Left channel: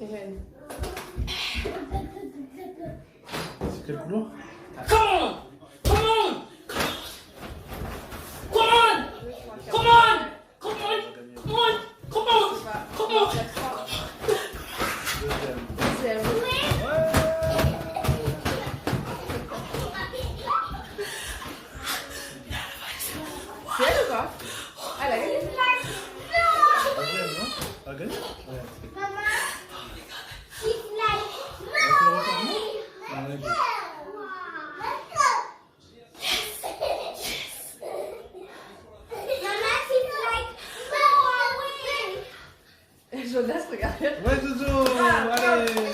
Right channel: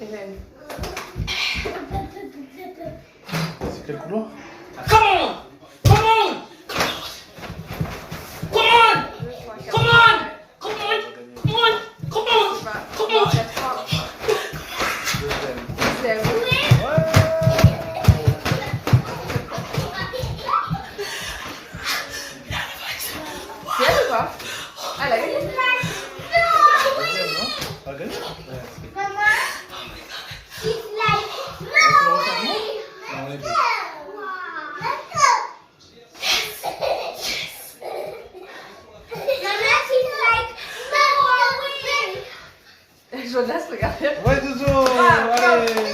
Hélène. C'est quelle couleur? Come on! Come on! Come on! Come on! Come on! Come on! Come on! Come on! Deuxième. Deuxième. C'est elle ou pas? Ah, elle a gagné. Deuxième, non? Ah, gagné? Ouais, c'est- Mama, she's like, Tu le regardes, non? Non, on est deux. Mama, she's like, no, Jonas, regardez. Ouais, Zozo! Allez!